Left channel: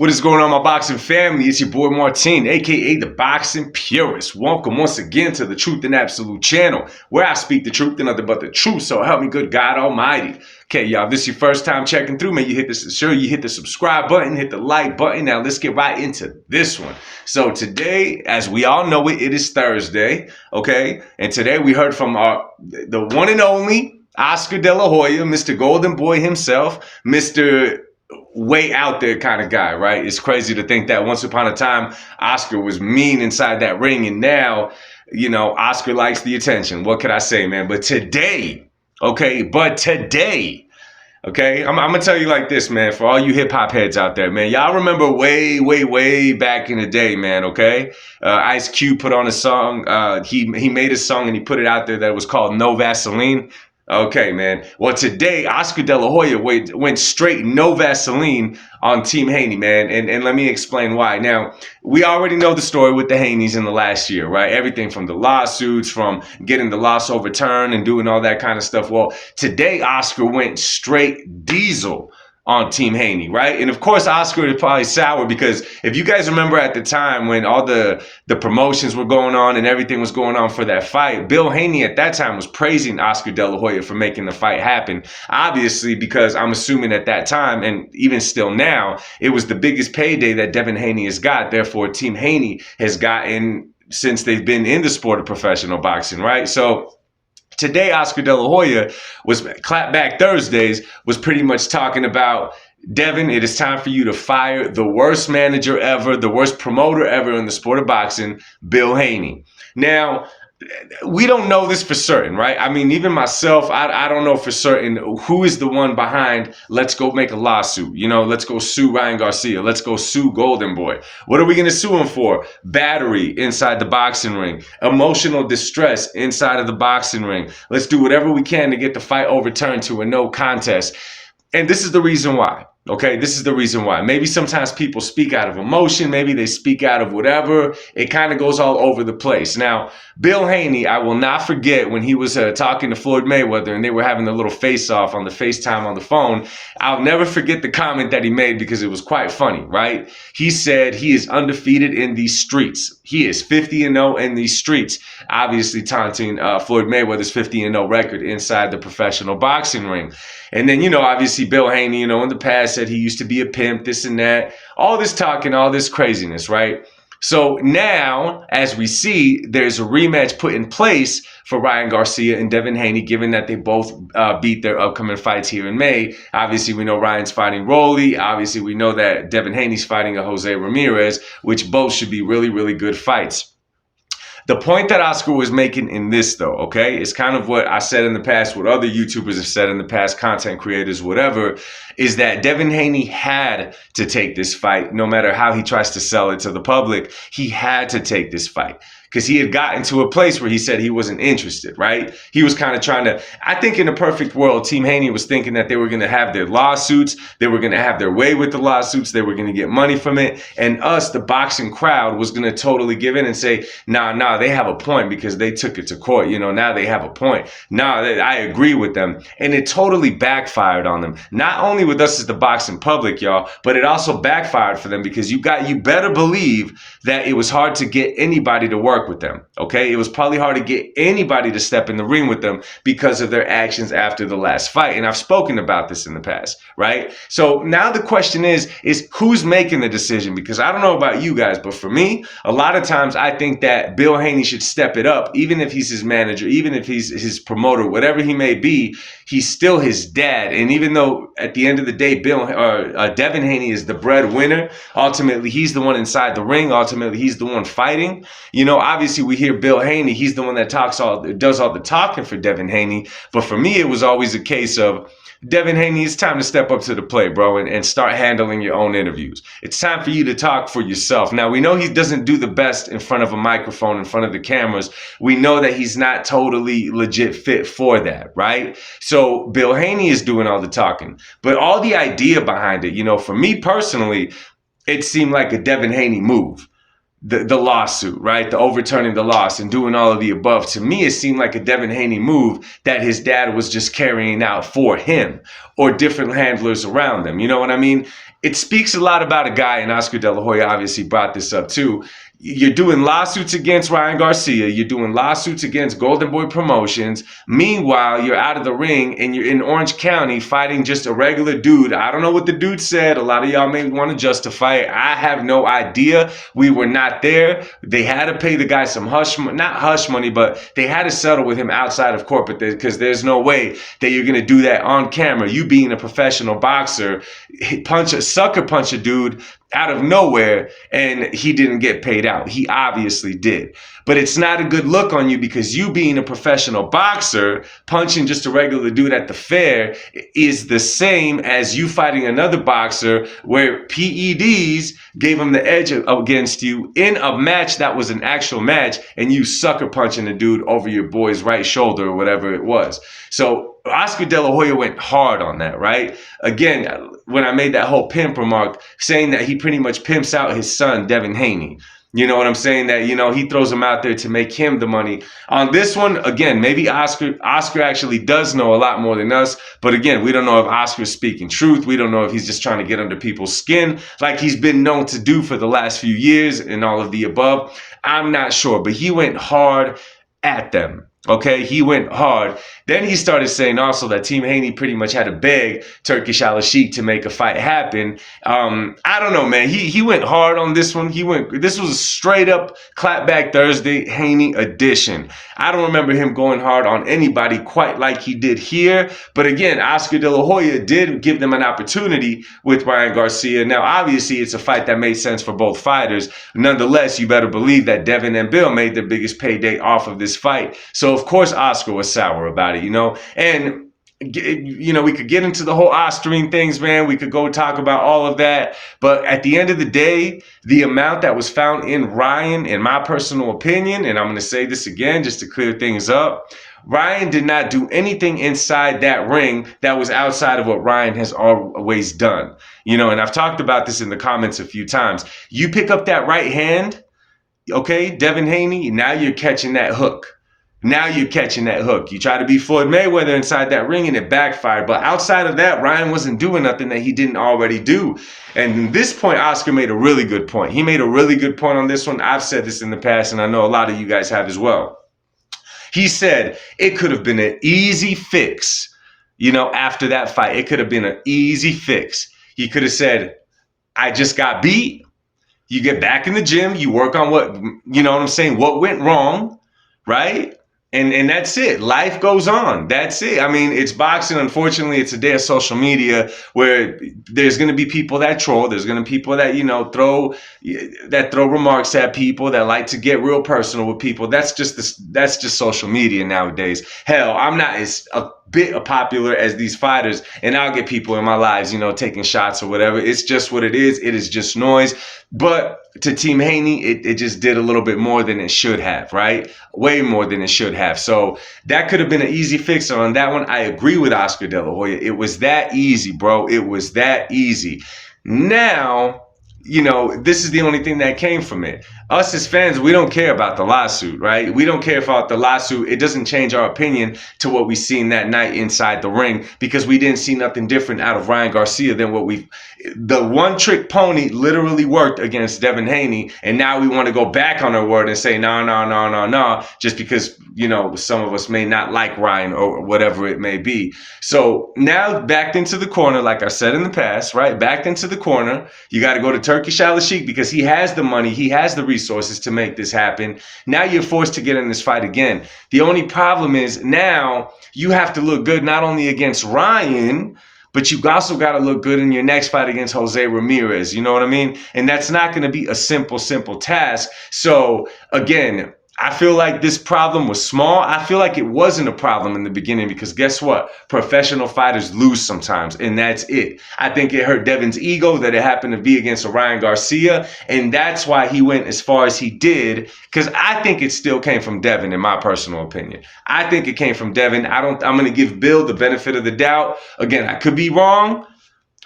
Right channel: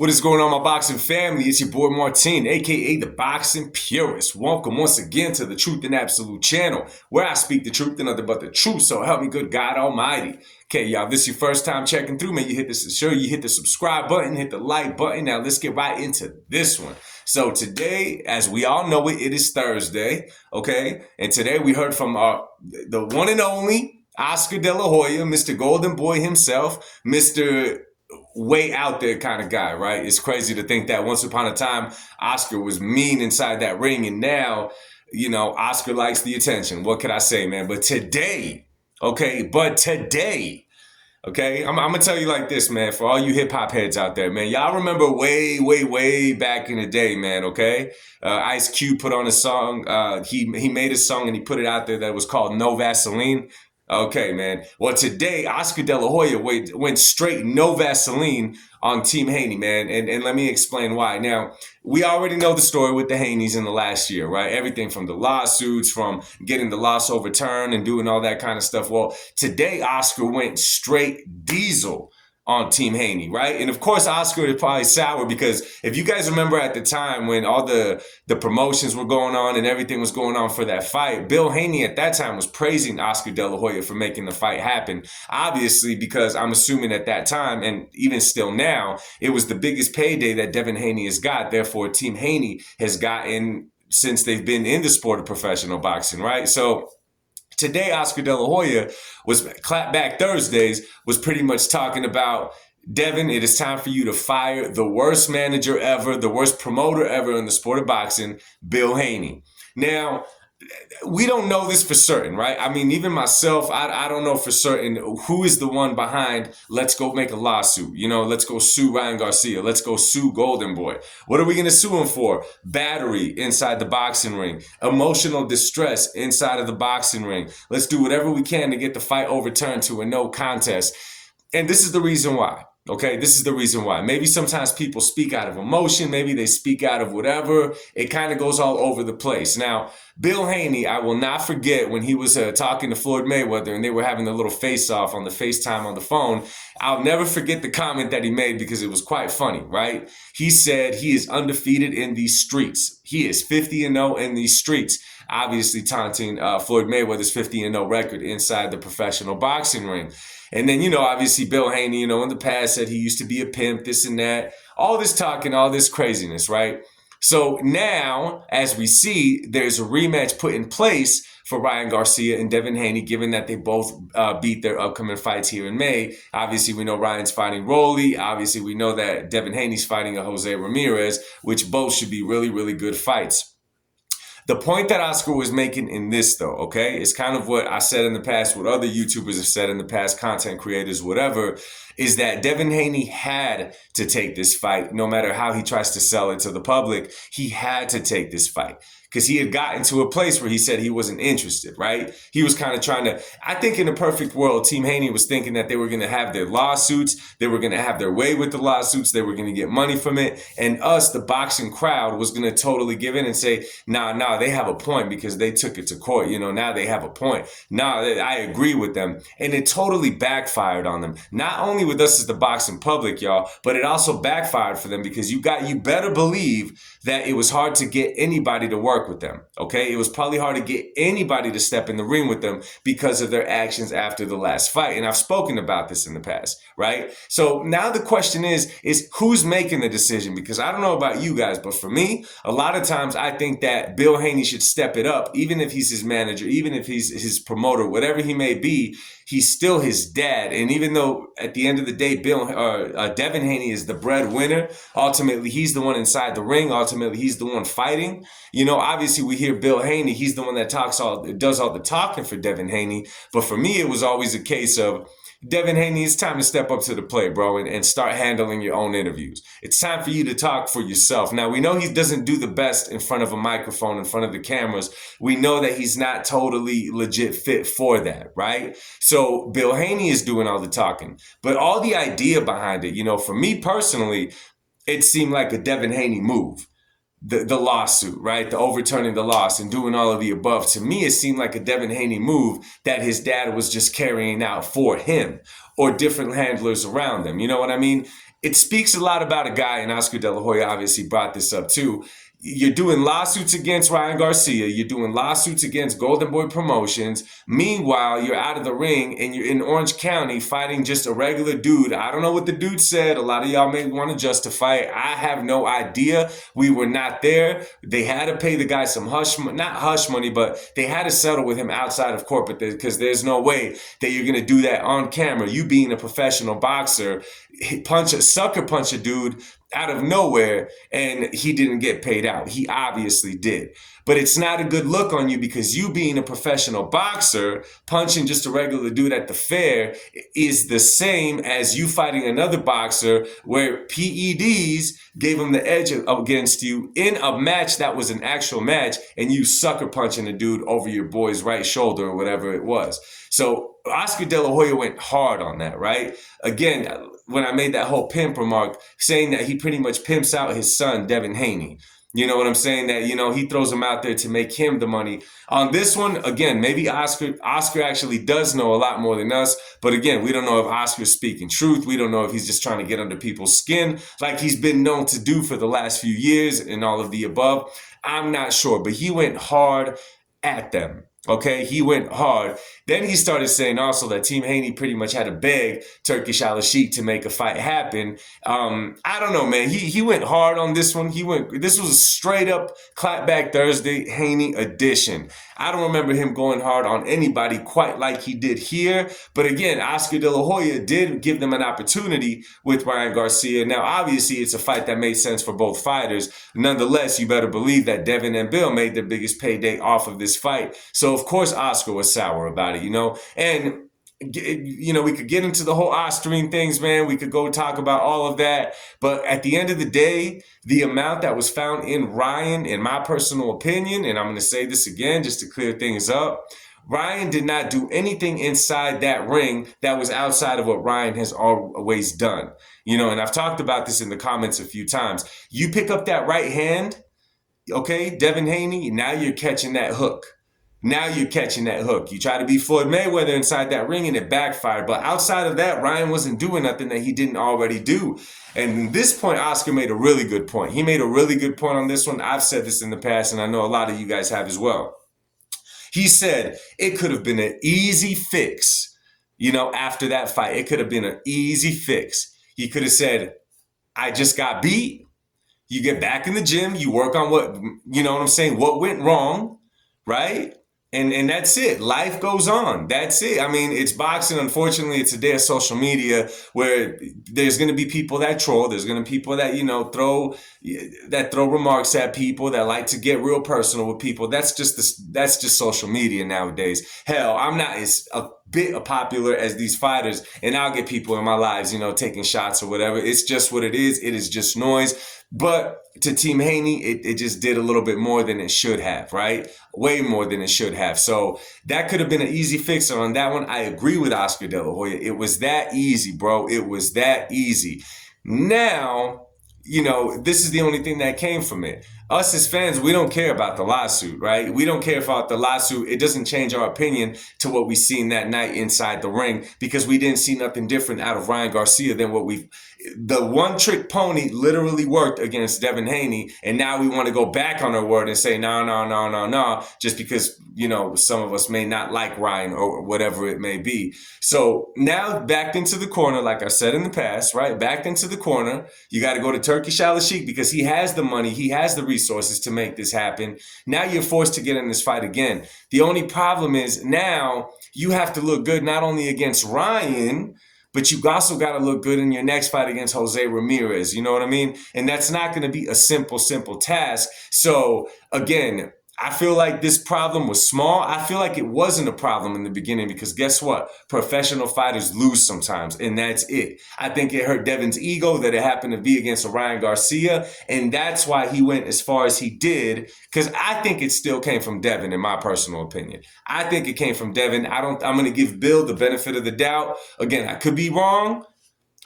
What is going on, my boxing family? It's your boy Martin, aka the Boxing Purist. Welcome once again to the Truth and Absolute channel, where I speak the truth and nothing but the truth. So help me, good God Almighty. Okay, y'all, if this is your first time checking through, man, you hit the subscribe button, hit the like button. Now let's get right into this one. So today, as we all know it is Thursday, okay? And today we heard from the one and only Oscar De La Hoya, Mr. Golden Boy himself, Mr. way out there kind of guy, right? It's crazy to think that once upon a time, Oscar was mean inside that ring, and now, you know, Oscar likes the attention. What can I say, man? But today, I'm gonna tell you like this, man, for all you hip-hop heads out there, man, y'all remember way back in the day, man, okay? Ice Cube put on a song, he made a song and he put it out there that was called No Vaseline. Okay, man. Well, today, Oscar De La Hoya went straight no Vaseline on Team Haney, man. And let me explain why. Now, we already know the story with the Haneys in the last year, right? Everything from the lawsuits, from getting the loss overturned and doing all that kind of stuff. Well, today, Oscar went straight diesel on Team Haney, right? And of course, Oscar is probably sour because if you guys remember at the time when all the promotions were going on and everything was going on for that fight, Bill Haney at that time was praising Oscar De La Hoya for making the fight happen. Obviously, because I'm assuming at that time, and even still now, it was the biggest payday that Devin Haney has got. Therefore, Team Haney has gotten since they've been in the sport of professional boxing, right? So today, Oscar De La Hoya was Clapback Thursdays was pretty much talking about, Devin, it is time for you to fire the worst manager ever, the worst promoter ever in the sport of boxing, Bill Haney. Now, we don't know this for certain, right? I mean, even myself, I don't know for certain who is the one behind, let's go make a lawsuit. You know, let's go sue Ryan Garcia. Let's go sue Golden Boy. What are we going to sue him for? Battery inside the boxing ring. Emotional distress inside of the boxing ring. Let's do whatever we can to get the fight overturned to a no contest. And this is the reason why. Okay, this is the reason why. Maybe sometimes people speak out of emotion. Maybe they speak out of whatever. It kind of goes all over the place. Now, Bill Haney, I will not forget when he was talking to Floyd Mayweather and they were having a little face-off on the FaceTime on the phone. I'll never forget the comment that he made because it was quite funny, right? He said he is undefeated in these streets. He is 50-0 in these streets. Obviously taunting Floyd Mayweather's 50-0 record inside the professional boxing ring. And then, you know, obviously Bill Haney, you know, in the past said he used to be a pimp, this and that, all this talking, all this craziness, right? So now, as we see, there's a rematch put in place for Ryan Garcia and Devin Haney, given that they both beat their upcoming fights here in May. Obviously, we know Ryan's fighting Rolly. Obviously, we know that Devin Haney's fighting a Jose Ramirez, which both should be really good fights. The point that Oscar was making in this, though, okay, is kind of what I said in the past, what other YouTubers have said in the past, content creators, whatever, is that Devin Haney had to take this fight, no matter how he tries to sell it to the public. He had to take this fight because he had gotten to a place where he said he wasn't interested, right? He was kind of trying to, I think in a perfect world, Team Haney was thinking that they were going to have their lawsuits, they were going to have their way with the lawsuits, they were going to get money from it, and us, the boxing crowd, was going to totally give in and say, nah, they have a point because they took it to court, you know, now they have a point. I agree with them. And it totally backfired on them. Not only with us as the boxing public, y'all, but it also backfired for them because you better believe that it was hard to get anybody to work with them, okay? It was probably hard to get anybody to step in the ring with them because of their actions after the last fight. And I've spoken about this in the past, right? So now the question is who's making the decision? Because I don't know about you guys, but for me, a lot of times I think that Bill Haney should step it up, even if he's his manager, even if he's his promoter, whatever he may be, he's still his dad. And even though at the end of the day, Devin Haney is the breadwinner, ultimately he's the one inside the ring, ultimately he's the one fighting. You know, obviously we hear Bill Haney, he's the one that does all the talking for Devin Haney. But for me, it was always a case of, Devin Haney, it's time to step up to the plate, bro, and start handling your own interviews. It's time for you to talk for yourself. Now, we know he doesn't do the best in front of a microphone, in front of the cameras. We know that he's not totally legit fit for that, right? So Bill Haney is doing all the talking. But all the idea behind it, you know, for me personally, it seemed like a Devin Haney move. The lawsuit, right? The overturning the loss and doing all of the above. To me, it seemed like a Devin Haney move that his dad was just carrying out for him or different handlers around him. You know what I mean? it speaks a lot about a guy, and Oscar De La Hoya obviously brought this up too. You're doing lawsuits against Ryan Garcia. You're doing lawsuits against Golden Boy Promotions. Meanwhile, you're out of the ring and you're in Orange County fighting just a regular dude. I don't know what the dude said. A lot of y'all may want to justify it. I have no idea. We were not there. They had to pay the guy some not hush money, but they had to settle with him outside of court because there's no way that you're going to do that on camera. You being a professional boxer, sucker punch a dude out of nowhere, and he didn't get paid out. He obviously did. But it's not a good look on you because you being a professional boxer, punching just a regular dude at the fair is the same as you fighting another boxer where PEDs gave him the edge against you in a match that was an actual match, and you sucker punching the dude over your boy's right shoulder or whatever it was. So Oscar De La Hoya went hard on that, right? Again, when I made that whole pimp remark, saying that he pretty much pimps out his son, Devin Haney. You know what I'm saying? That, he throws him out there to make him the money. On this one, again, maybe Oscar actually does know a lot more than us. But again, we don't know if Oscar's speaking truth. We don't know if he's just trying to get under people's skin like he's been known to do for the last few years and all of the above. I'm not sure, but he went hard at them. Okay, he went hard. Then he started saying also that Team Haney pretty much had to beg Turkish Al-Sheikh to make a fight happen. I don't know, man. He went hard on this one. This was a straight up Clapback Thursday Haney edition. I don't remember him going hard on anybody quite like he did here. But again, Oscar De La Hoya did give them an opportunity with Ryan Garcia. Now, obviously, it's a fight that made sense for both fighters. Nonetheless, you better believe that Devin and Bill made their biggest payday off of this fight. So, of course, Oscar was sour about it, And, we could get into the whole Oscarine things, man. We could go talk about all of that. But at the end of the day, the amount that was found in Ryan, in my personal opinion, and I'm going to say this again just to clear things up, Ryan did not do anything inside that ring that was outside of what Ryan has always done. And I've talked about this in the comments a few times. You pick up that right hand, okay, Devin Haney, now you're catching that hook. Now you're catching that hook. You try to be Floyd Mayweather inside that ring and it backfired. But outside of that, Ryan wasn't doing nothing that he didn't already do. And at this point, Oscar made a really good point. He made a really good point on this one. I've said this in the past, and I know a lot of you guys have as well. He said it could have been an easy fix, after that fight. It could have been an easy fix. He could have said, I just got beat. You get back in the gym. You work on what went wrong, right? And that's it. Life goes on. That's it. I mean, it's boxing. Unfortunately, it's a day of social media where there's going to be people that troll. There's going to be people that, throw remarks at people, that like to get real personal with people. That's just social media nowadays. Hell, I'm not as a bit popular as these fighters, and I'll get people in my lives, taking shots or whatever. It's just what it is. It is just noise. But to Team Haney, it just did a little bit more than it should have, right? Way more than it should have. So that could have been an easy fix. On that one, I agree with Oscar De La Hoya. It was that easy, bro. It was that easy. Now, this is the only thing that came from it. Us as fans, we don't care about the lawsuit, right? We don't care about the lawsuit. It doesn't change our opinion to what we seen that night inside the ring because we didn't see nothing different out of Ryan Garcia than the one trick pony literally worked against Devin Haney. And now we want to go back on our word and say, no, just because, some of us may not like Ryan or whatever it may be. So now backed into the corner, like I said in the past, right? Backed into the corner. You got to go to Turkish Al-Sheikh because he has the money. He has the resources to make this happen. Now you're forced to get in this fight again. The only problem is now you have to look good not only against Ryan, but you also got to look good in your next fight against Jose Ramirez. You know what I mean? And that's not going to be a simple task. So again, I feel like this problem was small. I feel like it wasn't a problem in the beginning because guess what? Professional fighters lose sometimes, and that's it. I think it hurt Devin's ego that it happened to be against Ryan Garcia, and that's why he went as far as he did, because I think it still came from Devin, in my personal opinion. I think it came from Devin. I'm going to give Bill the benefit of the doubt. Again, I could be wrong.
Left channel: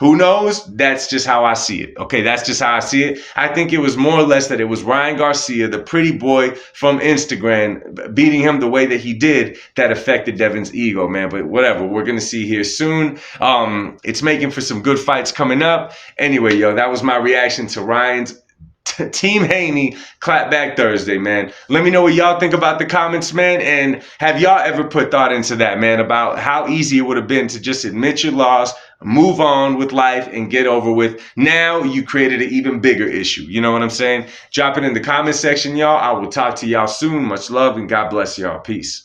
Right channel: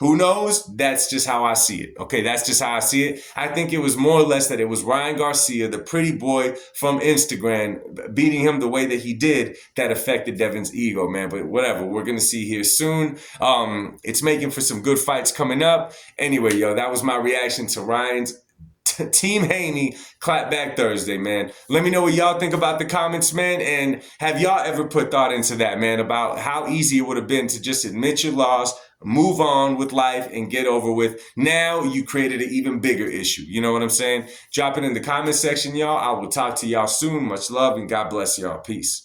Who knows? That's just how I see it. Okay, that's just how I see it. I think it was more or less that it was Ryan Garcia, the pretty boy from Instagram, beating him the way that he did that affected Devin's ego, man. But whatever, we're gonna see here soon. It's making for some good fights coming up. Anyway, yo, that was my reaction to Ryan's Team Haney Clapback Thursday, man. Let me know what y'all think about the comments, man. And have y'all ever put thought into that, man, about how easy it would have been to just admit your loss, move on with life, and get over with? Now you created an even bigger issue. You know what I'm saying? Drop it in the comment section, y'all. I will talk to y'all soon. Much love and God bless y'all. Peace.